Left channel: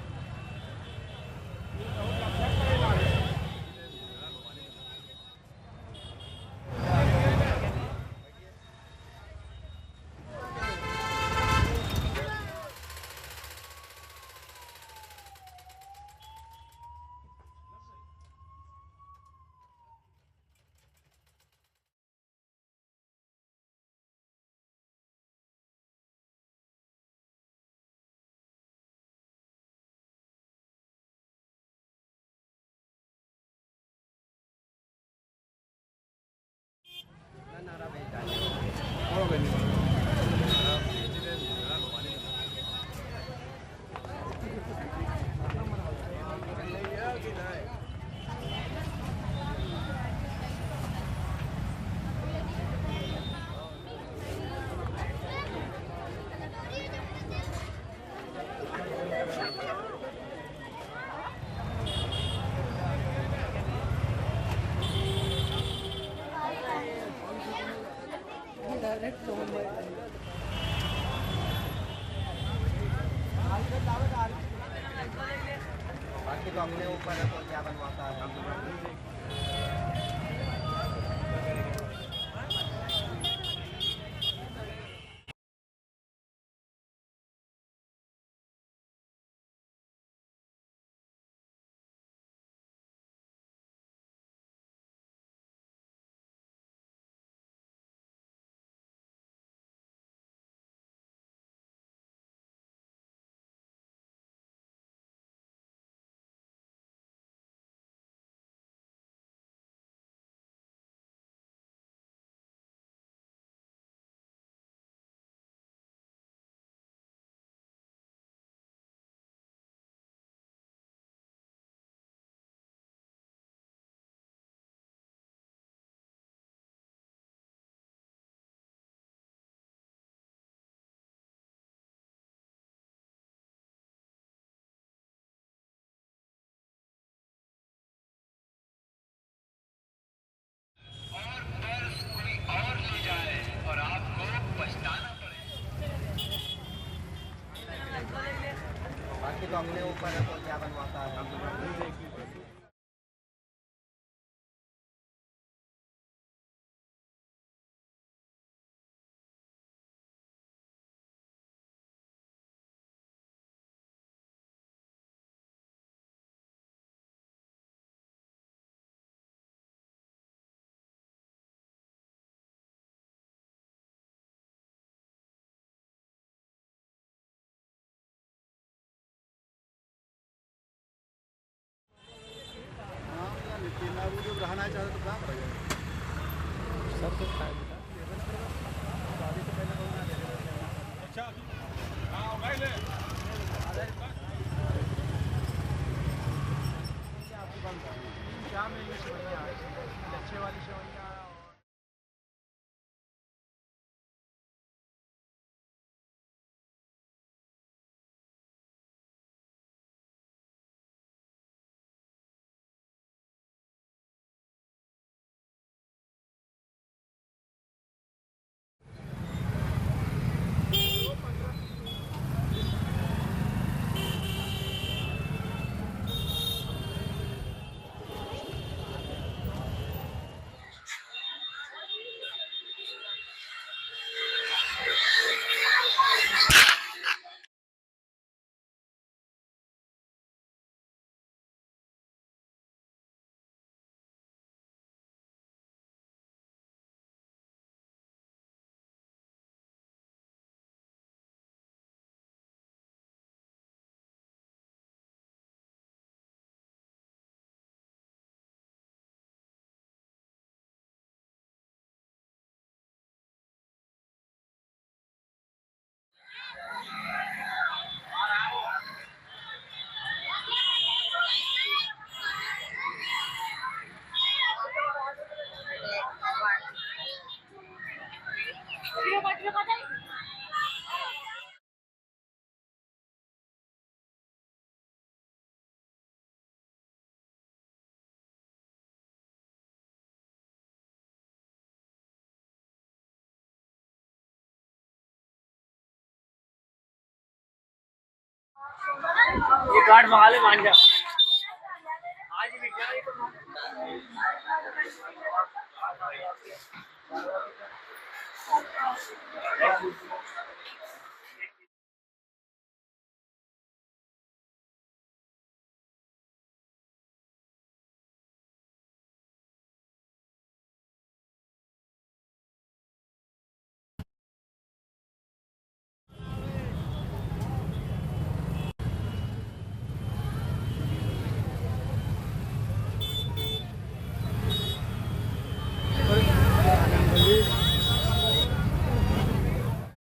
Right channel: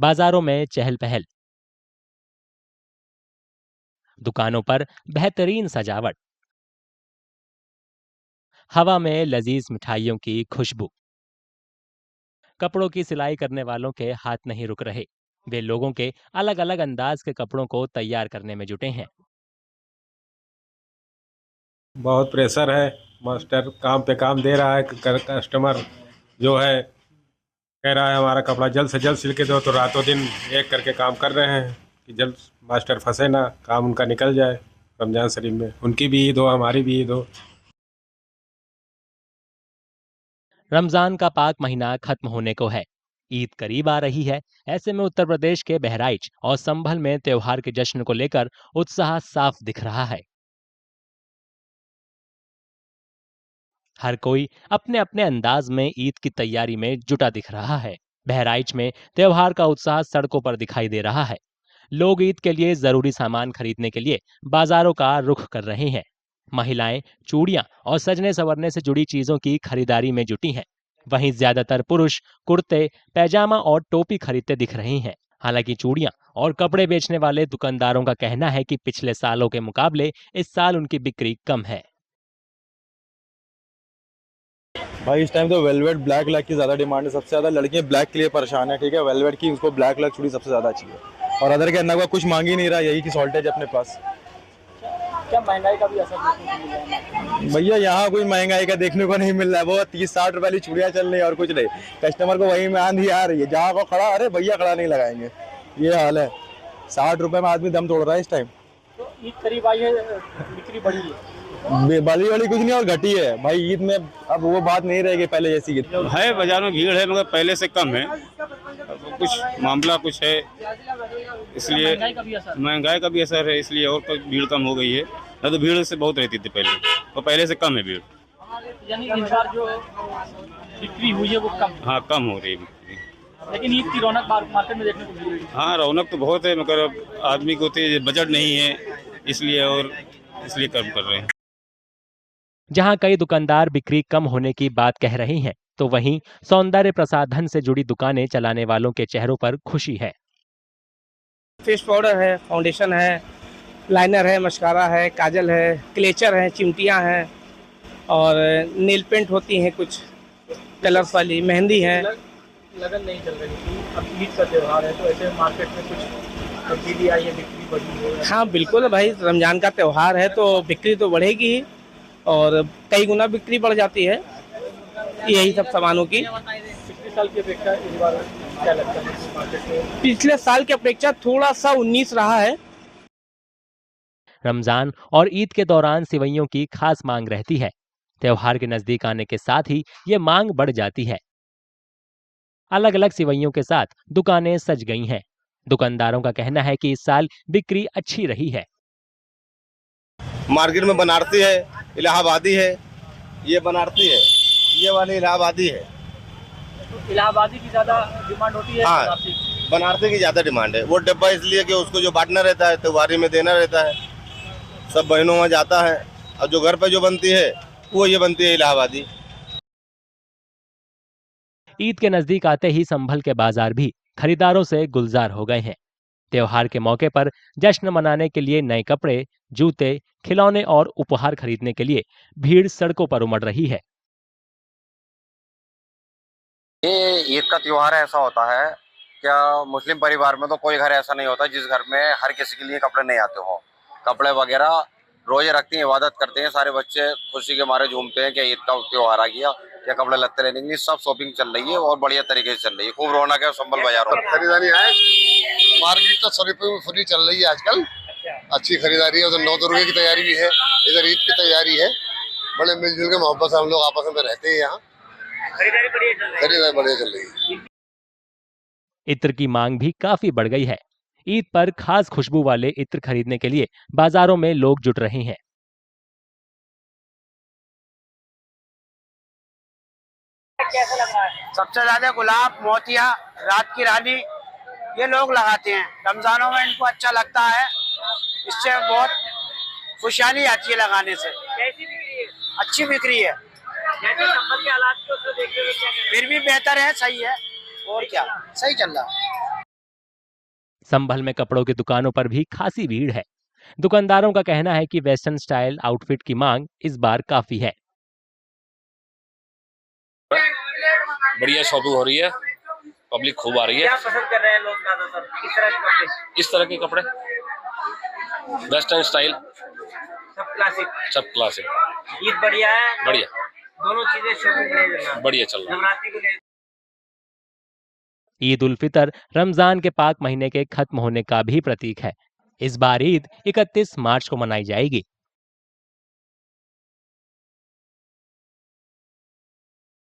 बाजारों में चहल पहल, दुकानों पर बेहतरीन सजावट, हवा में लजीज मिठाइयों की खुशबू। कपड़ों की सिलाई करने वालों के हाथ नहीं रुक रहे। वे लोगों के अलग अलग अंदाज के कपड़ों को तैयार करने में जुटे हैं। बहुत प्रेशर है। मास्टर काम पे काम दे रहा है। कस्टमर जो है कह रहा है हमारा कपड़ा जल्द से जल्द सिल के दो, तो रातों दिन एक करके काम कर रहे हैं कि जल्द मास्टर फंसे ना, काम उनका निकल जाए। रमजान शरीफ में उनकी भी ईद हो, हमारी भी ईद हो। रमजान का पाक महीना खत्म होने को है, ईद करीब आ रही है। ऐसे में उत्तर प्रदेश के बहराइच और संभल में त्योहार के जश्न को लेकर उत्साह साफ दिख रहा है। हर कोई अपने अपने अंदाज में ईद की तैयारी में जुटा दिख रहा है। बहराइच में त्योहार का उत्साह सड़कों पर दिखाई दे रहा है। लोग ईद के लिए जरूरी सामान खरीदने के लिए बाजारों का रुख कर रहे हैं। महिलाएं चूड़ियां और सजने संवरने से जुड़ी चीजों की खरीदारी में जुटी हैं। वहीं ज्यादातर पुरुष कुर्ते, पैजामा और टोपी खरीदते दिख रहे हैं। हालांकि चूड़ियां और कपड़े बेचने वाले दुकानदारों का कहना है कि पिछले सालों के मुकाबले इस साल उनकी बिक्री कम है। भाई इस टाइम तो वेलवेट ब्लैक लैक की ज़्यादा डिमांड है। सबसे ज़्यादा लड़कियां ब्लैक के लिए परेशान है, ठीक है। वेलवेट की उसको ब्लैक लैक चूड़ी सबसे ज़्यादा चाहिए और अदर के अन्ना का कुछ मांग ही नहीं रहा, यही की शॉर्टेज अपने पास। क्या महंगाई का भी असर देखने को मिल रहा है? भैया यहाँ कोई महंगाई का देखने को नहीं मिल रहा है। वो 30-60 रुपए वाली चूड़ियाँ चल रही है और कुछ नहीं। कस्टमर को वही में आंधी आ रही है, जहाँ को खड़ा अरे भैया खड़ा नहीं लगाएंगे, ये हाल है। 60 रुपए में आदमी दम तोड़ रहा है इस टाइम। तो ईद करीब आई है, बिक्री बढ़ी है। बली वाली कुछ नहीं और घटी है भाई। ईद में अब वो बात नहीं रहेगी पहले जैसी है। बाजार में भीड़ है मगर पहले से कम है। कुछ मामला कुछ है, इसलिए महंगाई का भी असर है, इसलिए और भीड़ कम हो गई है। न तो भीड़ से बहुत रहती थी पहले, और पहले से कम है भीड़। यानी इस बार जो बिक्री हुई है वो कम। हाँ, कम हो रही है बिक्री। लेकिन ईद की रौनक मार्केट में देखने को मिल रही है। हाँ, रौनक तो बहुत है मगर अब आदमी को बजट नहीं है, इसलिए कम कर रहे हैं। जहां कई दुकानदार बिक्री कम होने की बात कह रहे हैं, तो वहीं सौंदर्य प्रसाधन से जुड़ी दुकानें चलाने वालों के चेहरों पर खुशी है। फेस पाउडर है, फाउंडेशन है, लाइनर है, मस्कारा है, काजल है, क्लेचर है, चिमटियां हैं और नेल पेंट होती हैं, कुछ कलर्स वाली मेहंदी है। लगन नहीं चल रही थी, अब ईद का त्योहार है तो ऐसे मार्केट में कुछ तब्दीली आई है, बिक्री बढ़ी है। हाँ बिल्कुल भाई, रमजान का त्यौहार है तो बिक्री तो बढ़ेगी ही और कई गुना बिक्री बढ़ जाती है यही सब सामानों की। पिछले साल की अपेक्षा इस बार क्या लगता है मार्केट में? पिछले साल की अपेक्षा थोड़ा सा 19 रहा है। रमजान और ईद के दौरान सिवैयों की खास मांग रहती है। त्योहार के नजदीक आने के साथ ही ये मांग बढ़ जाती है। अलग अलग सिवैयों के साथ दुकानें सज गई हैं। दुकानदारों का कहना है कि इस साल बिक्री अच्छी रही है। मार्केट में बनारसी है, इलाहाबादी है, ये बनारसी है, ये वाली इलाहाबादी है। तो इलाहाबादी की ज्यादा डिमांड होती है। हाँ, बनारसी की ज्यादा डिमांड है। वो डब्बा इसलिए कि उसको जो बांटना रहता है, त्योहारी में देना रहता है, सब बहनों में जाता है। और जो घर पे जो बनती है वो ये बनती है इलाहाबादी। ईद के नजदीक आते ही संभल के बाजार भी खरीदारों से गुलजार हो गए हैं। त्योहार के मौके पर जश्न मनाने के लिए नए कपड़े, जूते, खिलौने और उपहार खरीदने के लिए भीड़ सड़कों पर उमड़ रही है। ये ईद का त्योहार ऐसा होता है, क्या मुस्लिम परिवार में तो कोई घर ऐसा नहीं होता जिस घर में हर किसी के लिए कपड़े नहीं आते हो। कपड़े वगैरह रोजे रखते हैं, इबादत करते हैं, सारे बच्चे खुशी के मारे झूमते हैं कि ईद का त्योहार आ गया, या कपड़े लत्ते लेने के लिए सब शॉपिंग चल रही है और बढ़िया तरीके से चल रही है। खूब रौनक है संभल बाजारों में। खरीदारी है, मार्केट तो शरीफों में फुली चल रही है आजकल। अच्छी खरीदारी है। उधर 9 दुर्गे की तैयारी भी है, इधर ईद की तैयारी है। बड़े मिलजुल के मोहब्बत से हम लोग आपस में रहते हैं यहाँ। खरीदारी बढ़िया चल रही है। इत्र की मांग भी काफी बढ़ गई है। ईद पर खास खुशबू वाले इत्र खरीदने के लिए बाजारों में लोग जुट रहे हैं। सबसे ज्यादा गुलाब, मोतिया, रात की रानी ये लोग लगाते हैं। रमजानों में इनको अच्छा लगता है, इससे बहुत खुशहाली आती है लगाने से। कैसी बिक्री है? अच्छी बिक्री है। जैसे संभल के हालात को देखते हुए फिर भी बेहतर है, सही है, और क्या सही चल रहा है। ये गार्ड मंगा ले मान जा। संभल में कपड़ों की दुकानों पर भी खासी भीड़ है। दुकानदारों का कहना है कि वेस्टर्न स्टाइल आउटफिट की मांग इस बार काफी है। बढ़िया शॉपिंग हो रही है, पब्लिक खूब आ रही है। क्या पसंद कर रहे हैं लोग ज्यादातर, किस तरह के कपड़े? इस तरह के कपड़े वेस्टर्न स्टाइल, सब क्लासिक। ईद बढ़िया है, बढ़िया दोनों चीजें शॉपिंग बढ़िया चल रहा है। ईद उल फितर रमजान के पाक महीने के खत्म होने का भी प्रतीक है। इस बार ईद 31 मार्च को मनाई जाएगी।